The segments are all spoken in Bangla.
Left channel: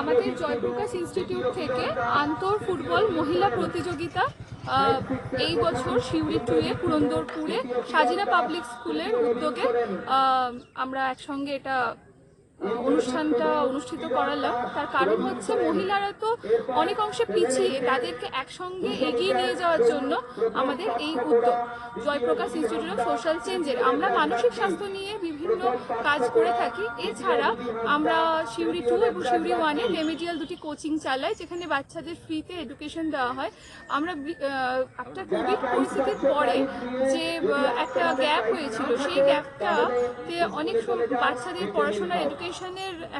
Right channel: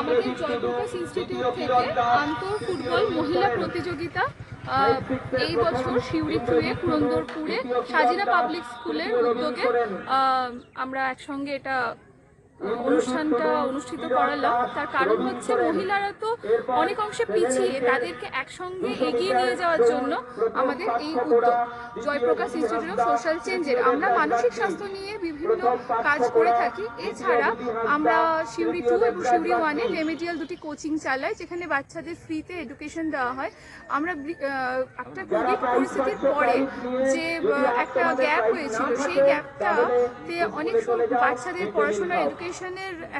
আমাদের জয়প্রকাশ ইনস্টিটিউট থেকে আন্তর ফুটবল মহিলা প্রতিযোগিতা এই বছর সিউড়ি 2-এ পুরন্দরপুরে সাজিনা পাবলিক স্কুলের উদ্যোগে আমরা একসঙ্গে এটা অনুষ্ঠানটা অনুষ্ঠিত করালাম। তার কারণ হচ্ছে মহিলারা তো অনেক অংশে পিছিয়ে, তাদেরকে একসঙ্গে এগিয়ে নিয়ে যাওয়ার জন্য আমাদের এই উদ্যোগ জয়প্রকাশ ইনস্টিটিউট অফ সোশ্যাল চেঞ্জের। আমরা মানসিক স্বাস্থ্য নিয়ে বিভিন্ন কাজ করে থাকি। এছাড়া আমরা সিউড়ি 2 এবং সিউড়ি 1-এ রেমেডিয়াল দুটি কোচিং চালাই, যেখানে বাচ্চাদের ফ্রিতে এডুকেশন দেওয়া হয়। আমরা একটা কোভিড পরিস্থিতির পরে যে একটা গ্যাপ হয়েছিল, সেই গ্যাপটাতে অনেক বাচ্চাদের পড়াশোনার এডুকেশনের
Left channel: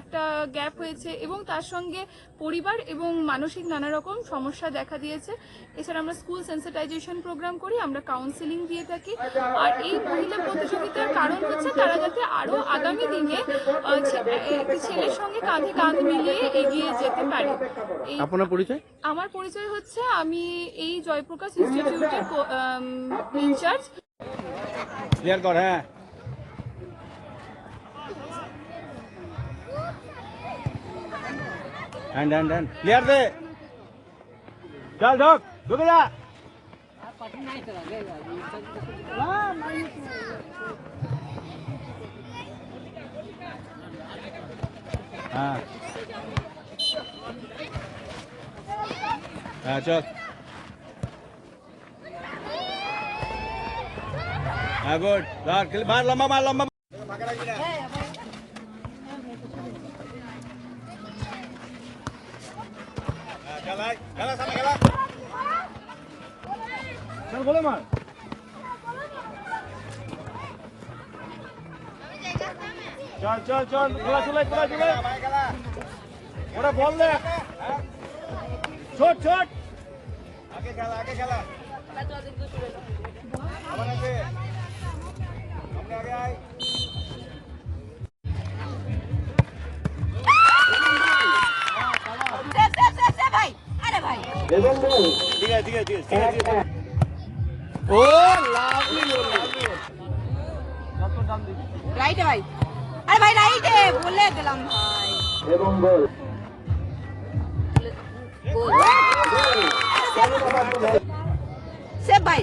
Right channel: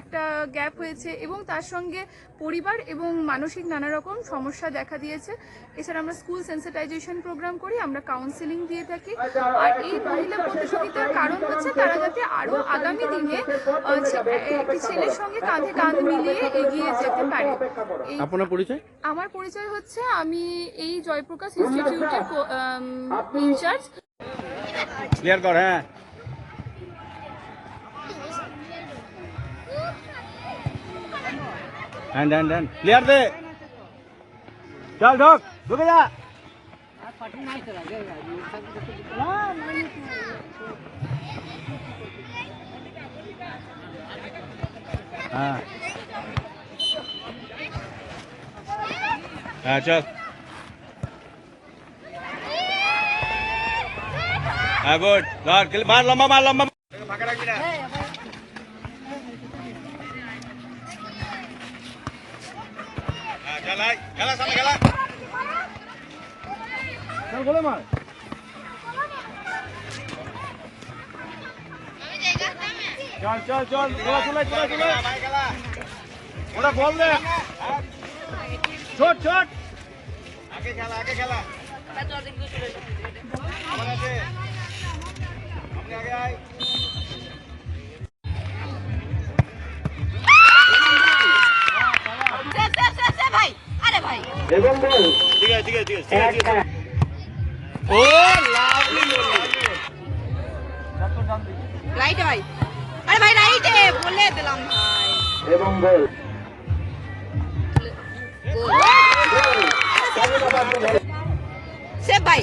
একটা গ্যাপ হয়েছে এবং তার সঙ্গে পরিবার এবং মানসিক নানা রকম সমস্যা দেখা দিয়েছে। এছাড়া আমরা স্কুল সেন্সিটাইজেশন প্রোগ্রাম করি, আমরা কাউন্সেলিং দিয়ে থাকি। আর এই মহিলা প্রতিযোগিতার কারণ হচ্ছে তারা যাতে আরো আগামী দিনে একটি ছেলের সঙ্গে কাঁধে কাঁধ মিলিয়ে এগিয়ে যেতে পারে। আপনার পরিচয়? আমার পরিচয় হচ্ছে আমি এই জয়প্রকাশ ইনস্টিটিউটের ইনচার্জ। ক্লিয়ার কর। হ্যাঁ, হ্যান্ড ক্লিয়ার দে। চল ঢোক, ঢুকে যা। হ্যাঁ হ্যাঁ, চল। হ্যাঁ, গুড। মার লম্বা, মার লম্বা, ফাঁকা রাখবি না। চল আয়, খেলা সামনে খেলা। চল বলে মার। চল চল চল, চলে ওরা বল দে। ছোট ছোট, আগে খেলা, আগে খেলা। আগে আয়। ঠিক আছে, ঠিক আছে, ঠিক আছে। ও লাভলি রাইটে ভাই, আরে ভাই রাইটে বলে দিলাম ভাই। এবং গোল সেভ ভাই।